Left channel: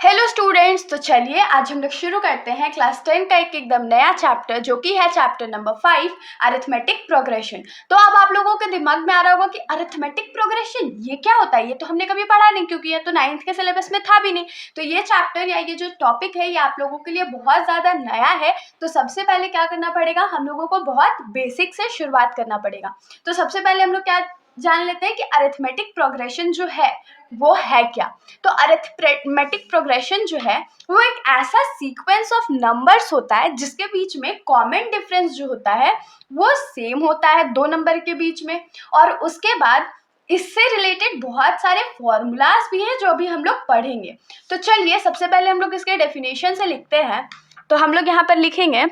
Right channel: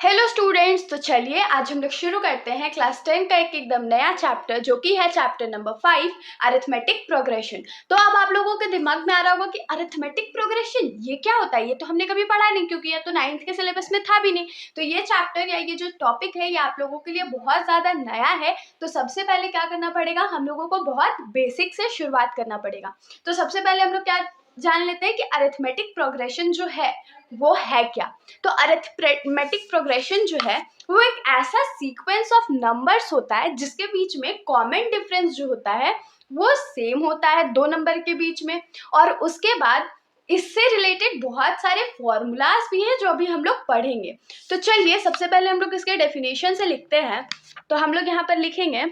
Hello students, तो चलिए आज हम लोग शुरू करते हैं क्लास 10 का एक एकदम नया चैप्टर जो कि है चैप्टर नंबर 5 अरिथमेटिक प्रोग्रेशन। तो अब आप लोगों के दिमाग में आ रहा होगा कि अरिथमेटिक प्रोग्रेशन ये क्या होता है, ये तो हमने कभी पढ़ा नहीं क्योंकि ये तो 9th के सिलेबस में था भी नहीं। तो ये चैप्टर या ये जो टॉपिक है ये आप लोगों के लिए बहुत ज़्यादा नया है। तो सबसे पहले क्या करना पड़ेगा, हम लोगों को बहुत बेसिक से शुरुआत करना पड़ेगा। तो सबसे पहले हम लोग क्या जान लेते हैं कि अरिथमेटिक प्रोग्रेशन जो है वो है क्या। तो अरिथमेटिक प्रोग्रेशन जो है वो एक ऐसा सीक्वेंस ऑफ नंबर्स होता है जिसके बीच में कॉमन डिफरेंस जो होता है वो सेम होता है दो नंबर के बीच में। और उसके बाद इससे रिलेटेड बहुत सारे फॉर्मूलाज भी हैं जो अभी हम लोग पढ़ेंगे। तो चलिए सबसे पहले हम लोग इसके डेफिनेशन से लिखते हैं। तो हम लोग यहाँ पर लिखेंगे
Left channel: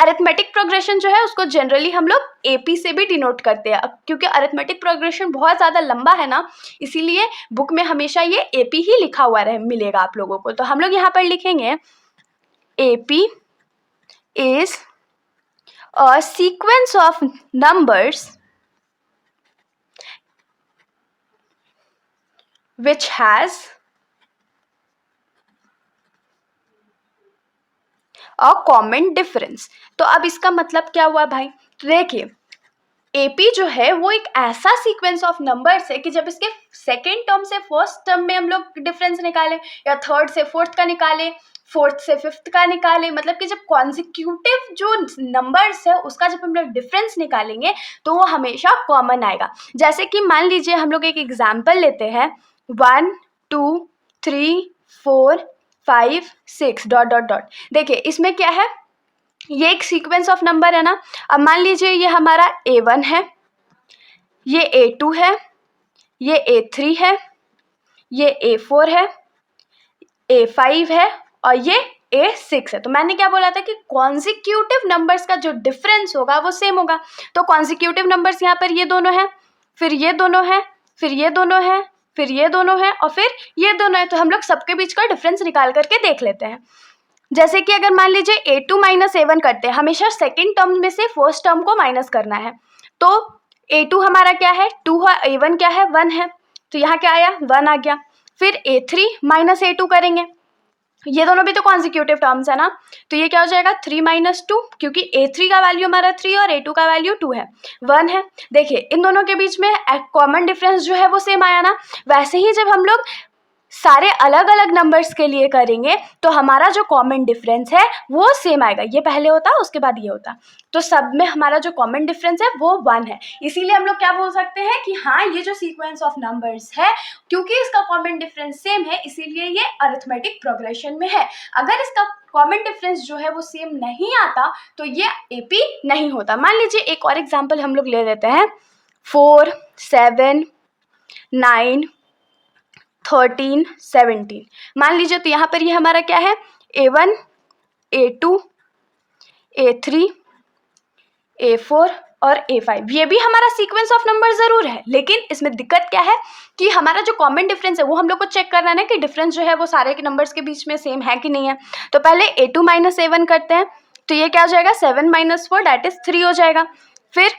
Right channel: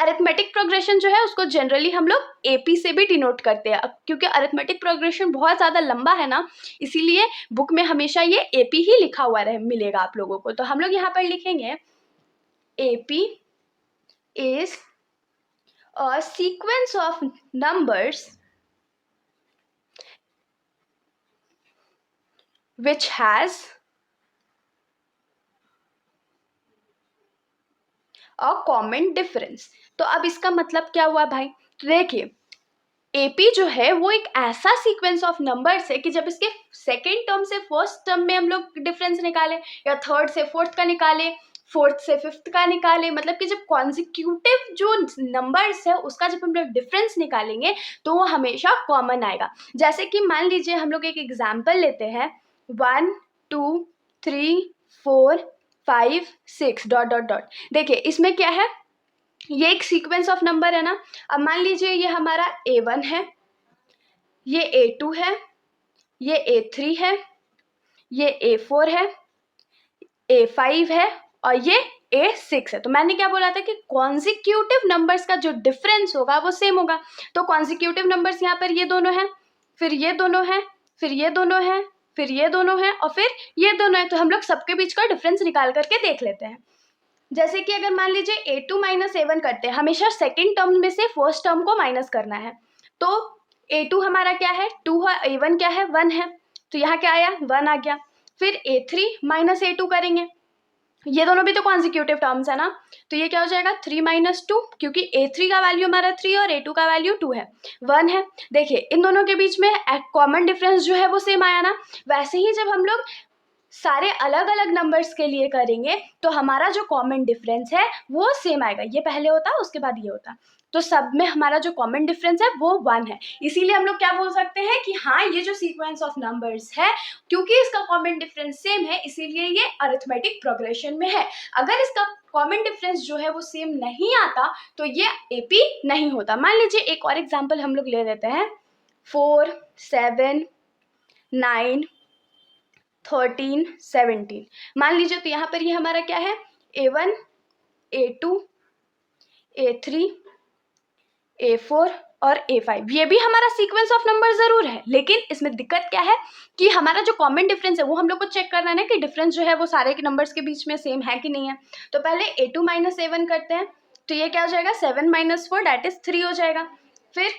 अरिथमेटिक प्रोग्रेशन जो है उसको जनरली हम लोग एपी से भी डिनोट करते हैं। क्योंकि अरिथमेटिक प्रोग्रेशन बहुत ज़्यादा लंबा है ना, इसीलिए बुक में हमेशा ये एपी ही लिखा हुआ मिलेगा आप लोगों को। तो हम लोग यहाँ पर लिखेंगे AP is a sequence of numbers which has a common difference. तो अब इसका मतलब क्या हुआ भाई, तो देखिए एपी जो है वो एक ऐसा सीक्वेंस ऑफ नंबर्स है कि जब इसके सेकेंड टर्म से फर्स्ट टर्म में हम लोग डिफरेंस निकालें या थर्ड से फोर्थ का निकालें, फोर्थ से फिफ्थ का निकालें, मतलब कि जब कॉन्जिक्यूटिव जो नंबर्स है उसका जब हम लोग डिफरेंस निकालेंगे तो वो हमेशा कॉमन आएगा। जैसे कि मान लीजिए हम लोग एक एग्जाम्पल लेते हैं 1 2 3 4 5 6 डॉट डॉट डॉट। देखिए इसमें क्या है, ये एक सीक्वेंस ऑफ नंबर है ना। अब मान लीजिए ये हमारा A1 है, ये A2 है, ये A3 है, ये A4 है, A5 है और ये A6 है। तो मैंने क्या बोला था कि कॉन्जिक्यूटिव नंबर्स का जो डिफरेंस होगा वो सेम होगा। तो कॉन्जिक्यूटिव नंबर्स यहाँ पर ये दोनों हैं, फिर ये दोनों हैं, फिर ये दोनों हैं, फिर ये दोनों हैं और फिर ये दोनों हैं। तो हम लोग सबके बीच का डिफरेंस निकाल करके देख लेते हैं। जैसे कि अगर मान लीजिए A2 माइनस A1 करते हैं, हमेशा सेकेंड टर्म में से फर्स्ट टर्म को माइनस करना है। तो A2 हमारा क्या है 2 है, A1 क्या है 1 है, तो यहाँ क्या आया 1 आ गया। फिर A3 माइनस A2 करेंगे, ये दोनों भी तो कॉन्जिक्यूटिव टर्म्स है ना, तो ये क्या हो जाएगा 3 माइनस 2, क्योंकि A3 का वैल्यू हमारा 3 और A2 का वैल्यू 2 है, 1 है। देखिए इन दोनों के बीच में कॉमन डिफरेंस जो है वो सेम आया ना। वैसे ही जब हम लोग सारे अलग अलग नंबर्स के लिए करेंगे तो हमारा जो कॉमन डिफरेंस है वो सेम आएगा। ये पहले होता उसके बाद ये होता, तो सब में हमारा जो कॉमन डिफरेंस है वो 1 है। इसीलिए हम लोग क्या बोल सकते हैं कि हाँ ये जो सीक्वेंस ऑफ नंबर्स है, क्योंकि इसका कॉमन डिफरेंस सेम है इसीलिए ये अरिथमेटिक प्रोग्रेशन में है। अगर इसका कॉमन डिफरेंस जो है वो सेम नहीं आता तो ये एपी नहीं होता। मान लीजिए एक और एग्जाम्पल हम लोग ले लेते हैं 4 7 9 13 17। मान लीजिए तो यहाँ पर ये हमारा क्या है A1 A2 A3 A4 और A5। ये भी हमारा सीक्वेंस ऑफ नंबर ज़रूर है, लेकिन इसमें दिक्कत क्या है कि हमारा जो कॉमन डिफरेंस है वो हम लोग को चेक करना है ना कि डिफरेंस जो है वो सारे के नंबर्स के बीच में सेम है कि नहीं है। तो पहले A2 माइनस A1 करते हैं, तो ये क्या हो जाएगा 7 माइनस 4 दैट इज 3 हो जाएगा। फिर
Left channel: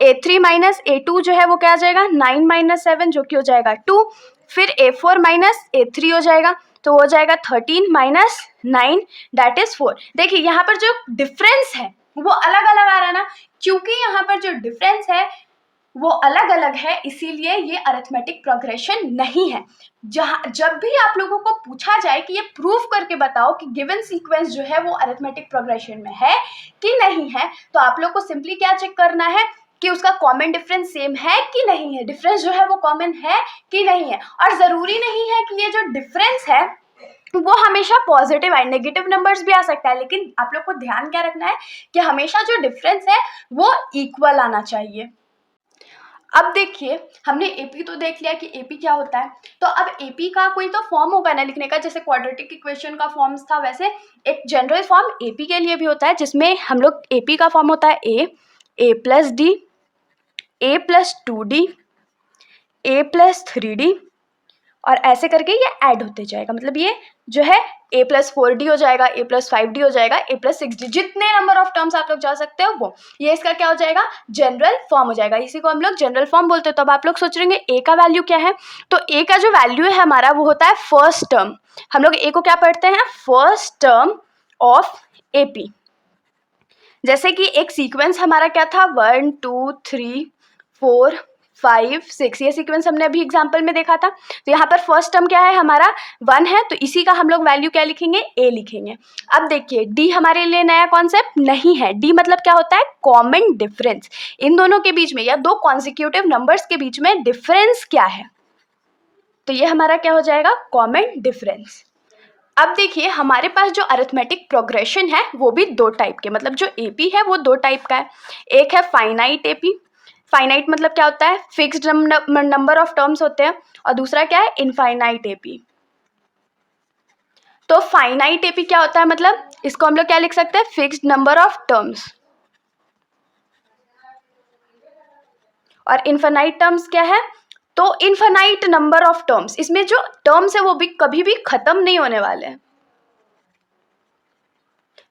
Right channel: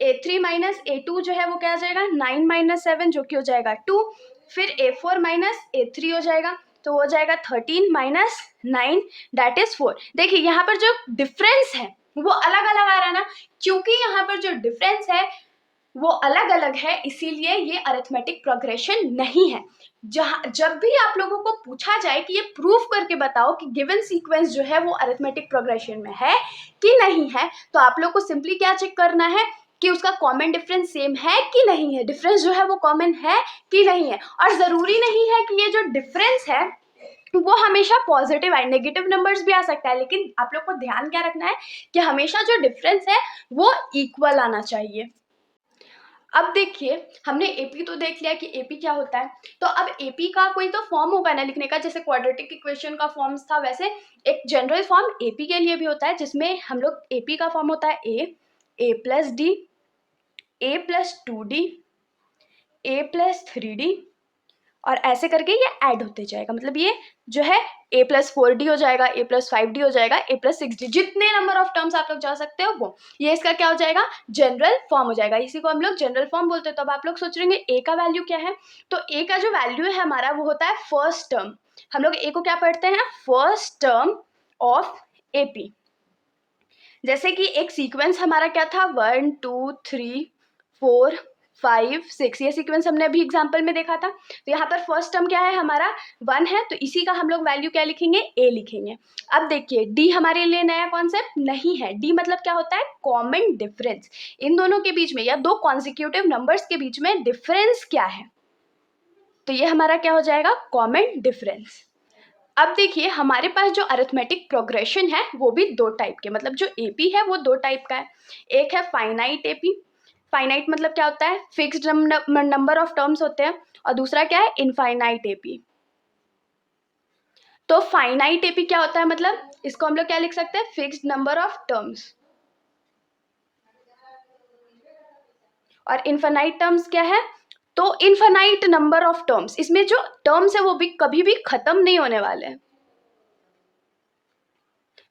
A3 माइनस A2 जो है वो क्या आ जाएगा 9 माइनस 7 जो कि हो जाएगा 2। फिर A4 माइनस A3 हो जाएगा, तो हो जाएगा 13 माइनस 9 दैट इज 4। देखिए यहाँ पर जो डिफरेंस है वो अलग अलग आ रहा है ना, क्योंकि यहाँ पर जो डिफरेंस है वो अलग अलग है इसीलिए ये अरिथमेटिक प्रोग्रेशन नहीं है। जब भी आप लोगों को पूछा जाए कि ये प्रूफ करके बताओ कि गिवन सीक्वेंस जो है वो अरिथमेटिक प्रोग्रेशन में है कि नहीं है, तो आप लोग को सिंपली क्या चेक करना है कि उसका कॉमन डिफरेंस सेम है कि नहीं है, डिफरेंस जो है वो कॉमन है कि नहीं है। और ज़रूरी नहीं है कि ये जो डिफरेंस है वो हमेशा पॉजिटिव है, नेगेटिव नंबर्स भी आ सकता है, लेकिन आप लोग को ध्यान क्या रखना है कि हमेशा जो डिफरेंस है वो इक्वल आना चाहिए। अब देखिए हमने एपी तो देख लिया कि एपी क्या होता है, तो अब एपी का कोई तो फॉर्म होगा ना लिखने का, जैसे क्वाड्रेटिक इक्वेशन का फॉर्म्स था वैसे एक जनरल फॉर्म एपी के लिए भी होता है, जिसमें हम लोग एपी का फॉर्म होता है ए प्लस डी, ए प्लस 2D, ए प्लस 3D और ऐसे करके ये ऐड होते जाएगा, मतलब ये जो है a+4d हो जाएगा, a+5d हो जाएगा, a+6d, जितने नंबर ऑफ टर्म्स आप लोग जा सकते हो वो, ये इसका क्या हो जाएगा, जनरल फॉर्म हो जाएगा। इसी को हम लोग जनरल फॉर्म बोलते हैं। तो अब आप लोग सोच रहे होंगे a का वैल्यू क्या है, तो a का जो वैल्यू है हमारा वो होता है फर्स्ट टर्म। हम लोग a को क्या पढ़ते हैं, फर्स्ट टर्म ऑफ AP। जैसे कि एक सीक्वेंस हमारा क्या था, 1 2 3 4 5 6, ये सीक्वेंस हमने अभी एग्जांपल में देखा था। तो यहाँ पर फर्स्ट टर्म क्या है हमारा 1 है, तो इसी का हम लोग वैल्यू क्या लिखेंगे, a लिखेंगे। अब देखिए d हमारे लिए नया कॉन्सेप्ट नहीं है। d मतलब क्या होता है, कॉमन डिफरेंस। इन दोनों के बीच में या दो कॉन्सिक्यूटिव नंबर्स के बीच में डिफरेंस क्या है, तो ये हमारा क्या हो जाएगा, कॉमन डिफरेंस। अब देखिए हमारे पास जो अरिथमेटिक प्रोग्रेशन है वो भी दो टाइप के, मतलब जो एपी है वो दो टाइप का है। एक है फाइनाइट एपी, फाइनाइट मतलब क्या होता है, फिक्स्ड नंबर ऑफ टर्म्स होते हैं, और दूसरा क्या है, इनफाइनाइट एपी। तो फाइनाइट एपी क्या होता है, मतलब इसको हम लोग क्या लिख सकते हैं, फिक्स्ड नंबर ऑफ टर्म्स। और इनफाइनाइट टर्म्स क्या है, तो इनफाइनाइट नंबर ऑफ टर्म्स, इसमें जो टर्म्स है वो भी कभी भी खत्म नहीं होने वाले हैं।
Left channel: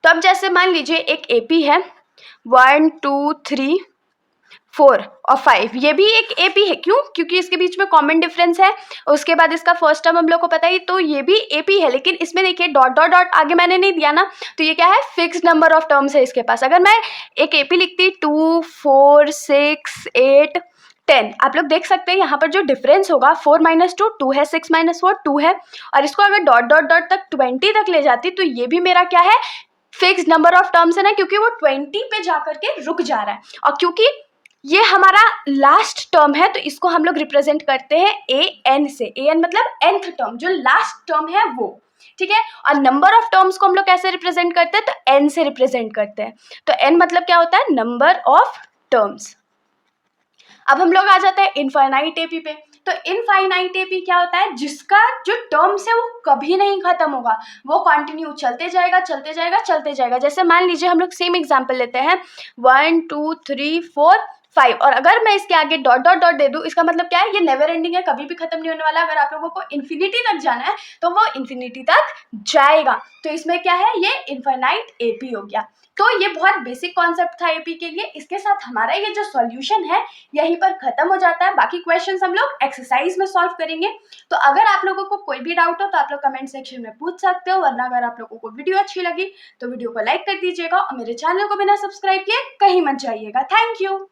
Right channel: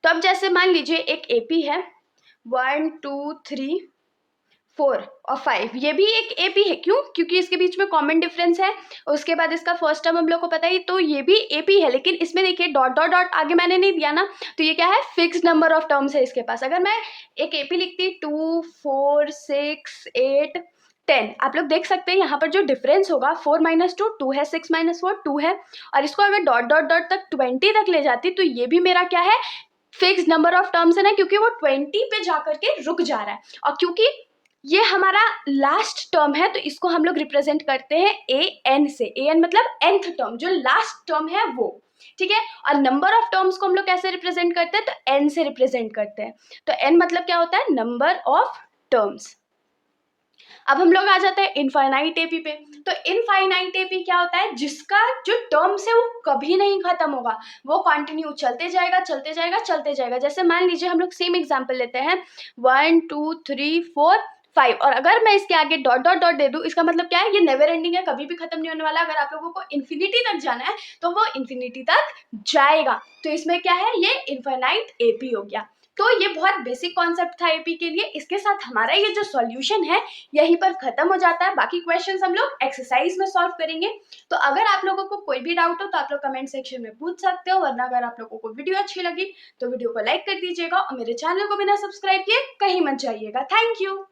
तो अब जैसे मान लीजिए एक एपी है 1 2 3 4 और 5, ये भी एक एपी है, क्यों, क्योंकि इसके बीच में कॉमन डिफरेंस है। उसके बाद इसका फर्स्ट टर्म हम लोग को पता है, तो ये भी एपी है, लेकिन इसमें देखिए डॉट डॉट डॉट आगे मैंने नहीं दिया ना, तो ये क्या है, फिक्स्ड नंबर ऑफ टर्म्स है इसके पास। अगर मैं एक एपी लिखती 2 4 6 8 10, आप लोग देख सकते हैं यहाँ पर जो डिफरेंस होगा 4 - 2 2 है, 6 - 4 2 है, और इसको अगर डॉट डॉट डॉट तक 20 तक ले जाती तो ये भी मेरा क्या है, फिक्स्ड नंबर ऑफ टर्म्स है ना, क्योंकि वो 20 पे जाकर के रुक जा रहा है। और क्योंकि ये हमारा लास्ट टर्म है तो इसको हम लोग रिप्रेजेंट करते हैं an से। an मतलब nth टर्म, जो लास्ट टर्म है वो, ठीक है। और नंबर ऑफ टर्म्स को हम लोग कैसे रिप्रेजेंट करते हैं, तो n से रिप्रेजेंट करते हैं। तो n मतलब क्या होता है, नंबर ऑफ टर्म्स। अब हम लोग आ जाते हैं इनफाइनाइट एपी पे। तो इनफाइनाइट एपी क्या होता है, जिसका जो टर्म्स है वो कभी नहीं खत्म होगा, वो कंटिन्यू चलते जाएगा चलते जाएगा चलते जाएगा। जैसे मान लीजिए हम लोग सेम एग्जांपल लेते हैं 1 2 3 4 5, और अगर मैं इसके आगे डॉट डॉट डॉट दे दूं, इसका मतलब क्या है, ये नेवर एंडिंग है, कभी भी खत्म नहीं होने वाला। अगर आप लोगों को इन्फिनिटी तक जाना है तो वो इन्फिनिटी तक जाएगा। तो इसमें क्या है, ये इनफाइनाइट एपी हो गया। तो ये बहुत बेसिक कॉन्सेप्ट था एपी के लिए। इसके साथ हमारा ये जो सॉल्यूशन है यहीं पर खत्म हो जाता है। बाकी क्वेश्चंस हम लोग एक्सरसाइज में सॉल्व करेंगे। तो अगर आप लोगों को कोई भी डाउट हो तो आप लोग कमेंट सेक्शन में पूछ सकते हो, वरना अगर आप लोगों को वीडियो अच्छी लगी तो वीडियो को लाइक कर दीजिएगा, और मेरे चैनल को बिना सब्सक्राइब किए कहीं मत जाइएगा। Thank you.